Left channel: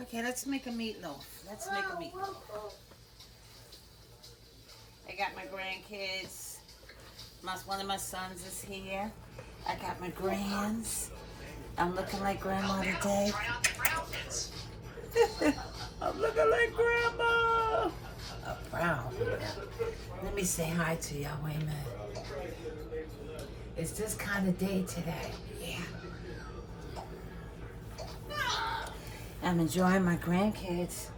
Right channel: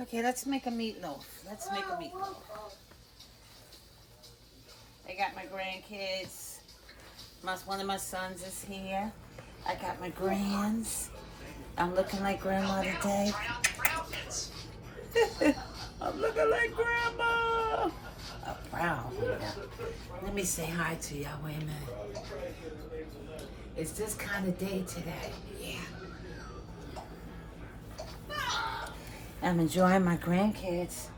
Okay, let's make a meatloaf. Let's make a meatloaf. I got my grandkids. One of my sons is here. I got my grands. I'm looking like grandma today. I'm looking like grandma. I'm proud. Let me say hi to y'all. Wait a minute. It's this kind of day today. Yeah. I'm enjoying my grandkids.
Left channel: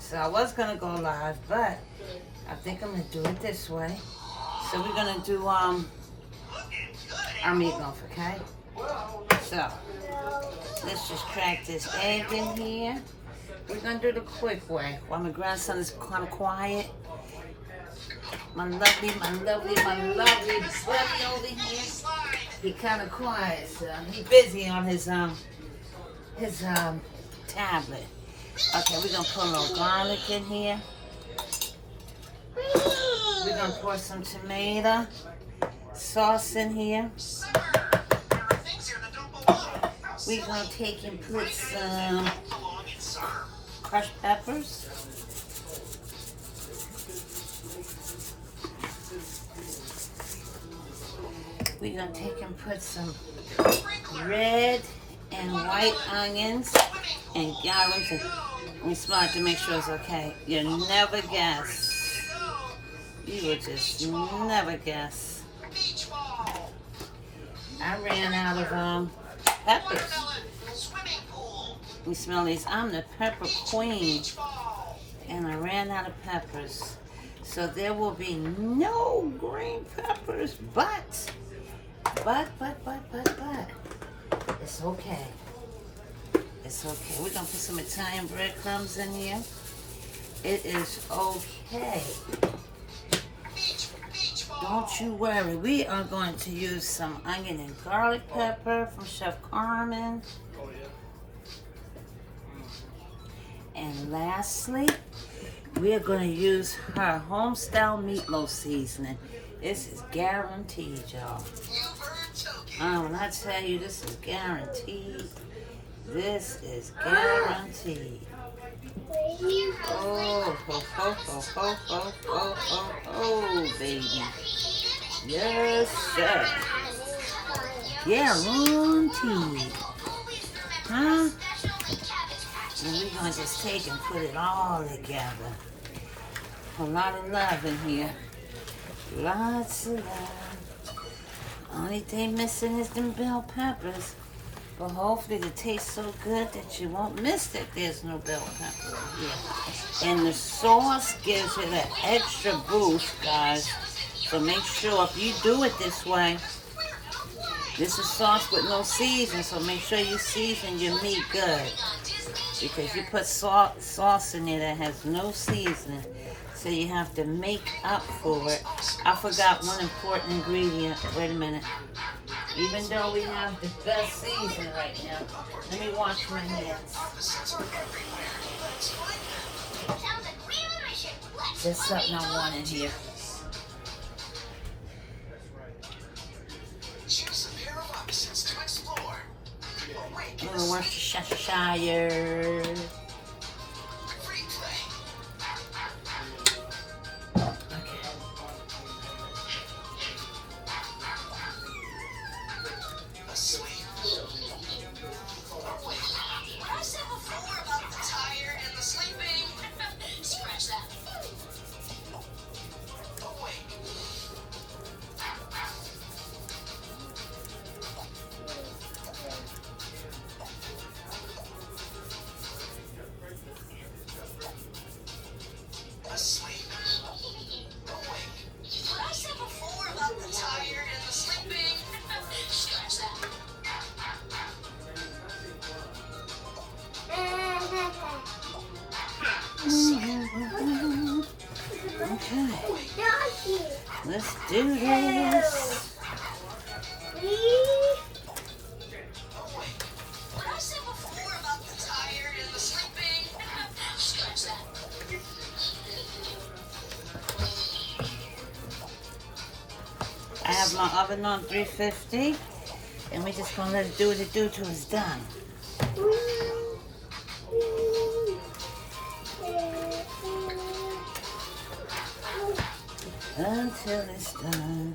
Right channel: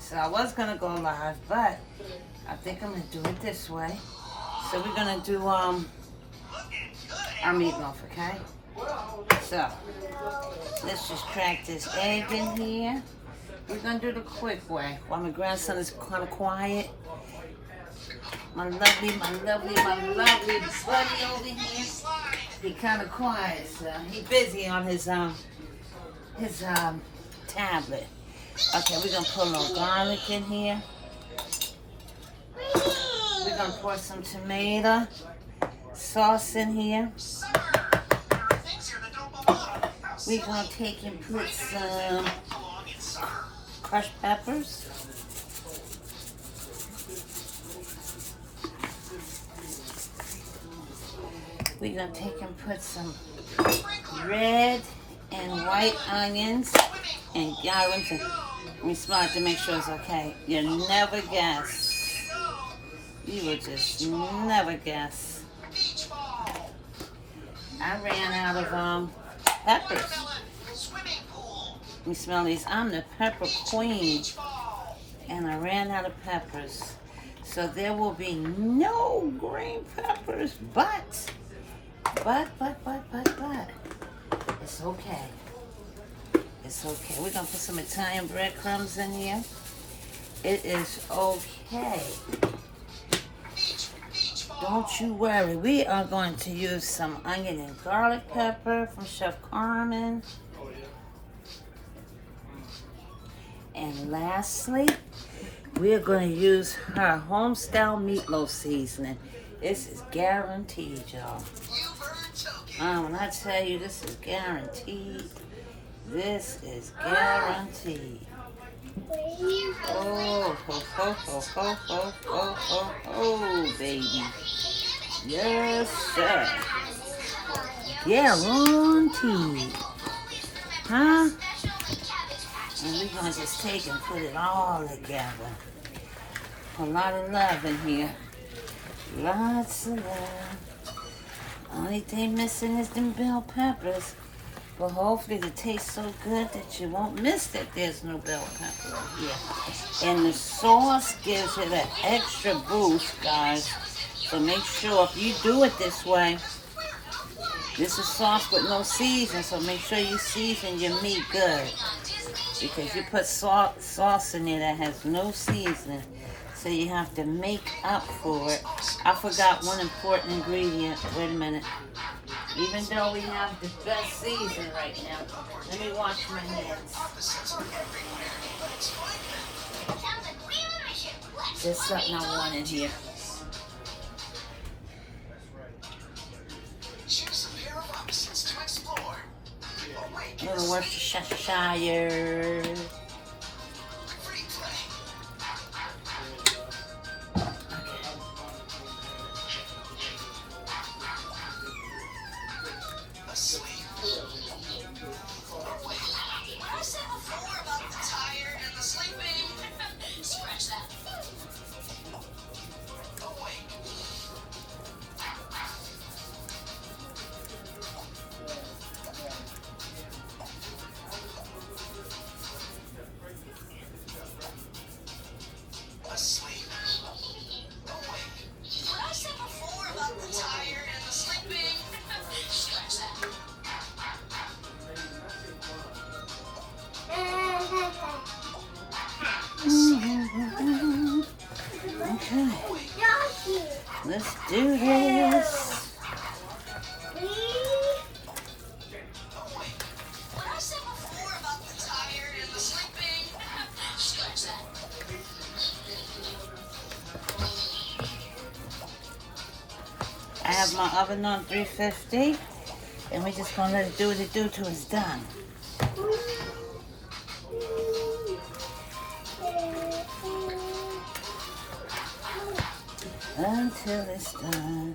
So I was gonna go live, but I think I'm gonna do it this way. So we're gonna do our meatloaf, okay? So let's just crack this egg in here. We're gonna do the quick way while my grandson is kind of quiet. My lovely buddy over here. He kind of quiet, so he busy on his tablet. Okay, we're gonna put a little garlic in here. We're gonna pour some tomato sauce in here. We're gonna take and put some crushed peppers. We're gonna take and put some red and white onions and garlic. Let me smell it to make sure it's okay. You'll never guess. You would just never guess. I ran out of peppers. Let me smell these. I'm the pepper queen. And I ran out of peppers. So there will be no green peppers, but. It's okay. It's okay. We're gonna put some Italian breadcrumbs in here. It is okay. Don't you worry. We are going to use some onion and garlic pepper from Chef Carmen. And lastly, we're going to use her home-style meatloaf seasoning. This is guaranteed, y'all. When I tell you this is guaranteed, this is guaranteed. Oh, baby. Yes, sir. Guaranteed. Huh? And we're going to just take and put it all together. A lot of love in here. Lots of love. Only thing missing is them bell peppers. But hopefully it tastes so good that you won't miss that there's no bell pepper in here. And the sauce gives it an extra boost, guys. So make sure if you do it this way, this is sauce with no season, so make sure you season your meat good. Because you put sauce in there that has no seasoning. So you have to make up for it. I forgot one important ingredient. Wait a minute. Even though we have the best season right now. Let me wash my hands. There's something I want in here. A little Worcestershire. Okay, let's do this. I have my oven on 350, and we're just gonna let it do what it do till it's done. until it's done.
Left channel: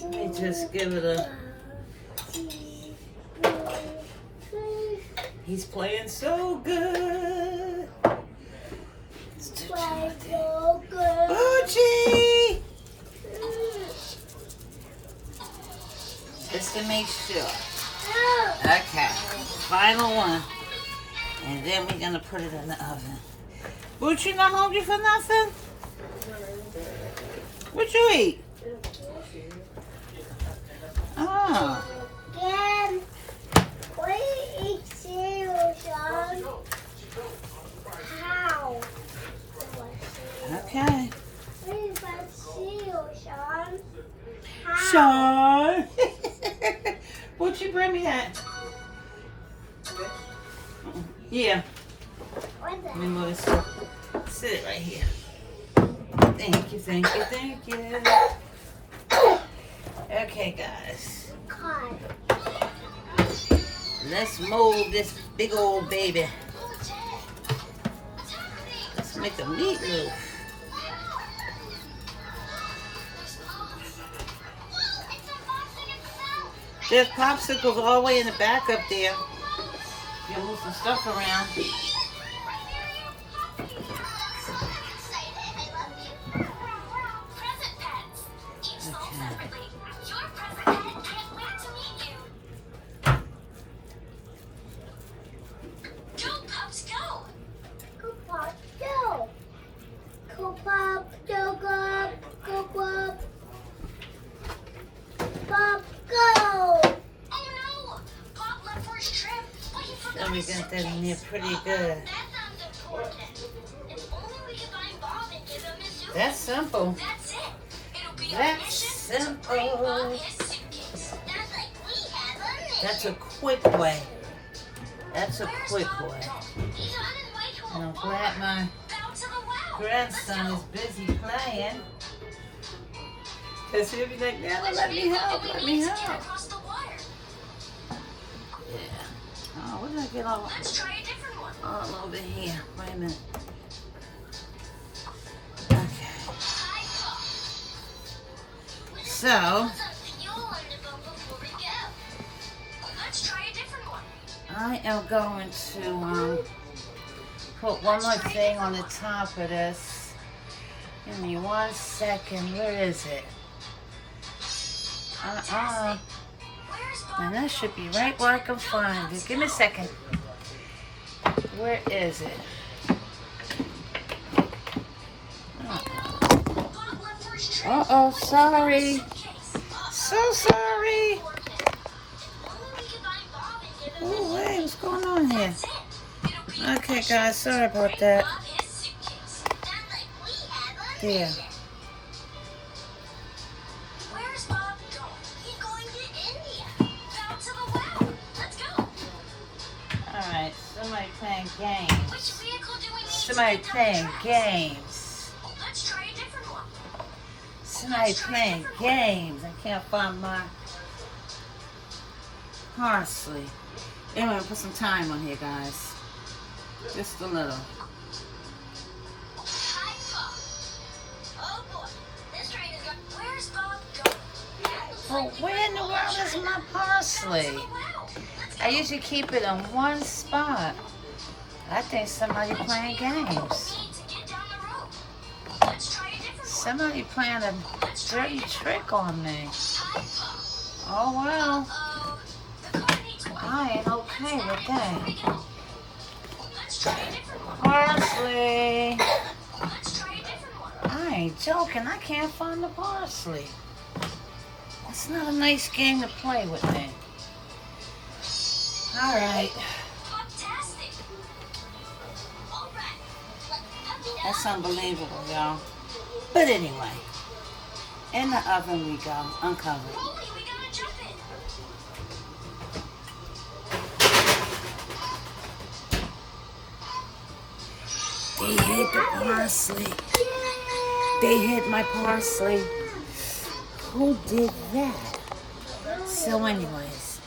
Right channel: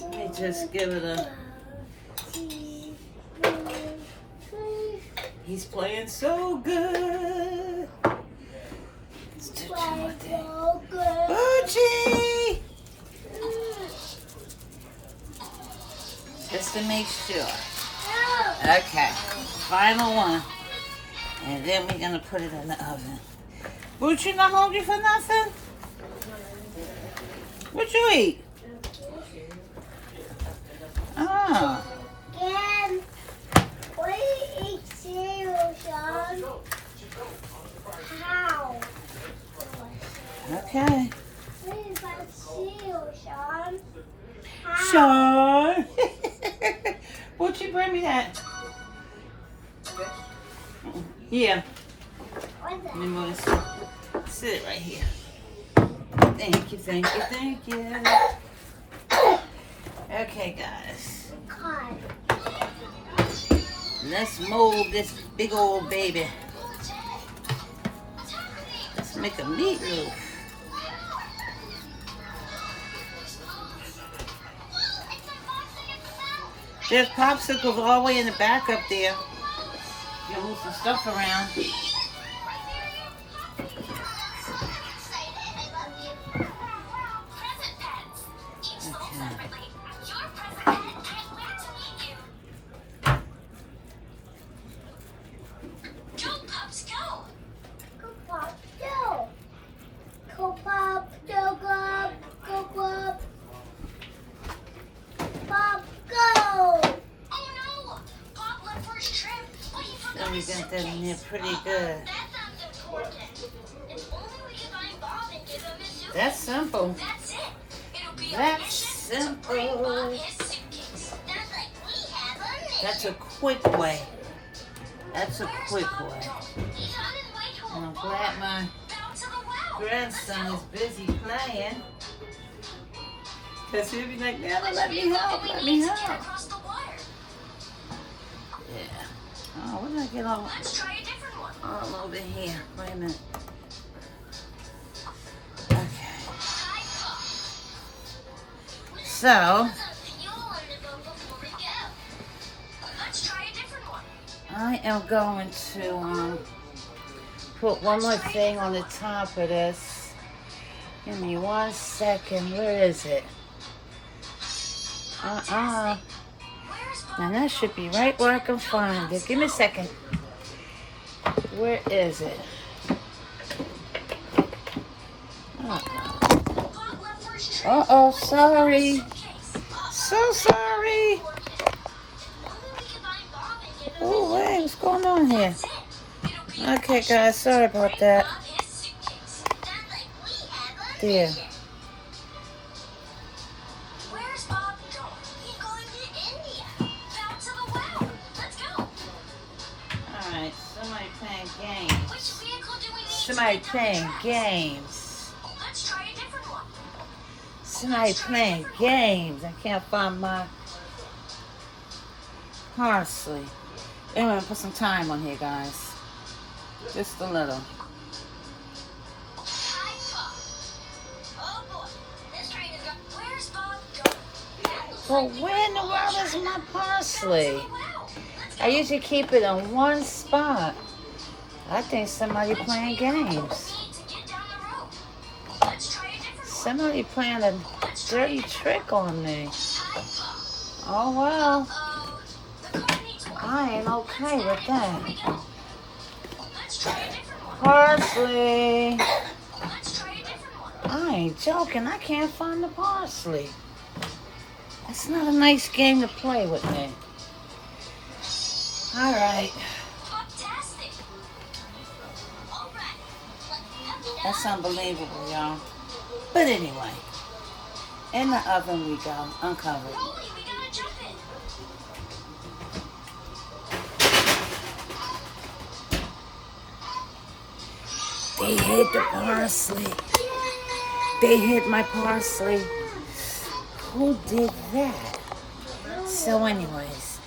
Let me just give it a... He's playing so good. It's too much. Boochie! Just to make sure. Okay, final one. And then we're gonna put it in the oven. Boochie, not hungry for nothing? What you eat? Oh. And what do you eat cereal, Sean? How? Okay. What is that cereal, Sean? Sean. Would you bring me that? Yeah. Let me move this. Sit it right here. Thank you, thank you, thank you. Okay, guys. Let's mold this big old baby. Let's make a meatloaf. There's popsicles all the way in the back up there. You move some stuff around. So we got that in there pretty good. That's simple. That's simple. That's a quick way. That's a quick way. And I'm glad my grandson is busy playing. Because he'll be like, Nana, let me help, let me help. Yeah. Oh, what did I get all over here? Wait a minute. Okay. So, I am going to put one more thing on the top of this. Give me 1 second. Where is it? Now that should be right where I can find it. Give me a second. Where is it? Uh-oh, sorry. So sorry. Oh, wait, what's going on here? Okay, guys, sorry about that. There. Alright, somebody playing games. Somebody playing games. Somebody playing games. I can't find my parsley. Anyway, put some thyme on here, guys. Just a little. Well, where in the world is my parsley? I usually keep it in one spot. I think somebody playing games. Somebody playing a dirty trick on me. Oh, well. I ain't okay with that. Parsley. I ain't joking. I can't find the parsley. It's not a nice game to play with me. All right. That's unbelievable, y'all. But anyway, in the oven we go, uncovered. They hid the parsley. They hid my parsley. Who did that? So anyways,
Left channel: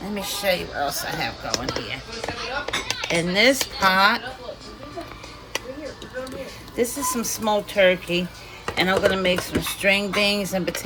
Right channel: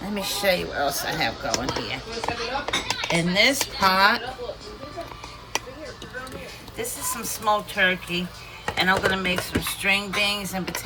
let me show you what else I have going here. In this pot, this is some smoked turkey. And I'm going to make some string beans and potatoes.